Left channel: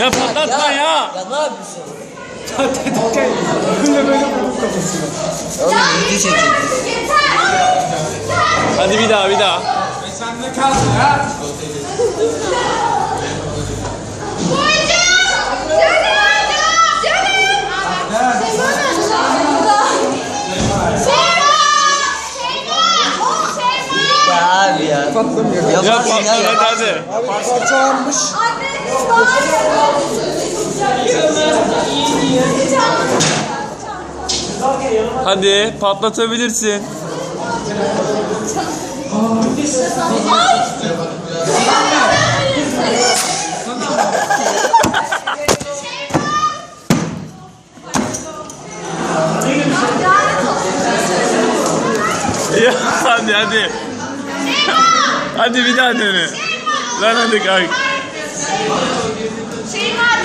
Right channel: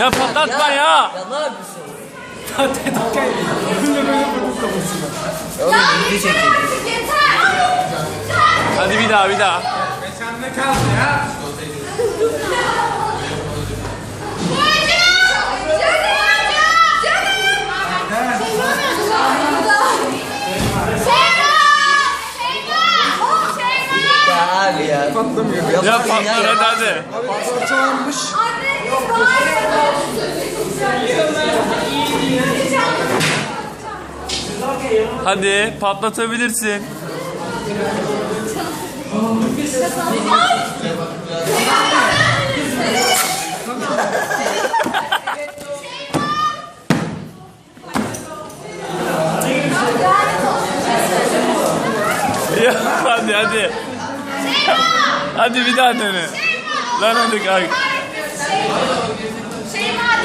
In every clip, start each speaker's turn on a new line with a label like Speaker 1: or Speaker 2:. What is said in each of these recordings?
Speaker 1: Ya patlatma ya.
Speaker 2: Ya ne yapıyorsun?
Speaker 3: Böyle böyle vurdu kafasına.
Speaker 2: Oğlum video çekecek.
Speaker 1: Hadi bir daha bir daha.
Speaker 3: Sen ne kaldın ya?
Speaker 2: Abi ya.
Speaker 3: Patlamıyor.
Speaker 1: Ya
Speaker 2: ya yaparsın.
Speaker 1: hadi.
Speaker 3: Abi parçalanmış.
Speaker 1: Hadi patlatabilirsin. Ya hadi hadi. Hadi bir daha dene. Lan hadi kalk.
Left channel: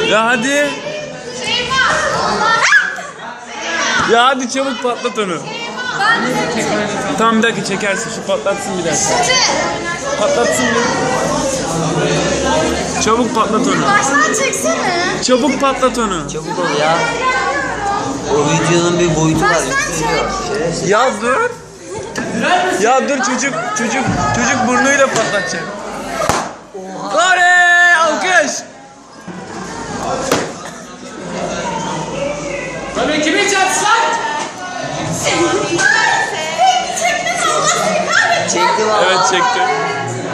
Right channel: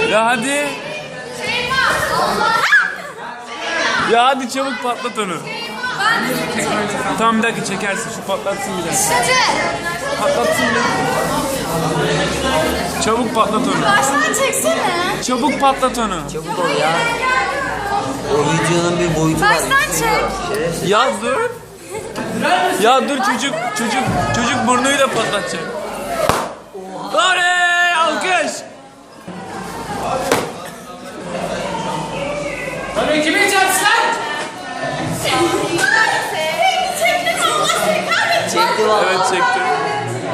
Speaker 1: Ya hadi. Ya hadi çabuk patlat onu.
Speaker 4: Ben de seni çekeceğim.
Speaker 1: Tamam bir dakika çekersin. Şu patlatsın bir dakika. Patlatsın bir. Çabuk patlat onu.
Speaker 4: Baştan çeksene.
Speaker 1: Çabuk patlat onu.
Speaker 2: Çabuk ol ya. O videonun bir boyutu var. Yükleniyor. Şerefsiz.
Speaker 1: Ya dur. Ya dur çocuk çocuk çocuk burnuyla patlatacak. Oley! Alkış.
Speaker 3: Tabii kimi çarpsın lan?
Speaker 4: Çektim Allah seni kahretsin.
Speaker 1: Evet çekti.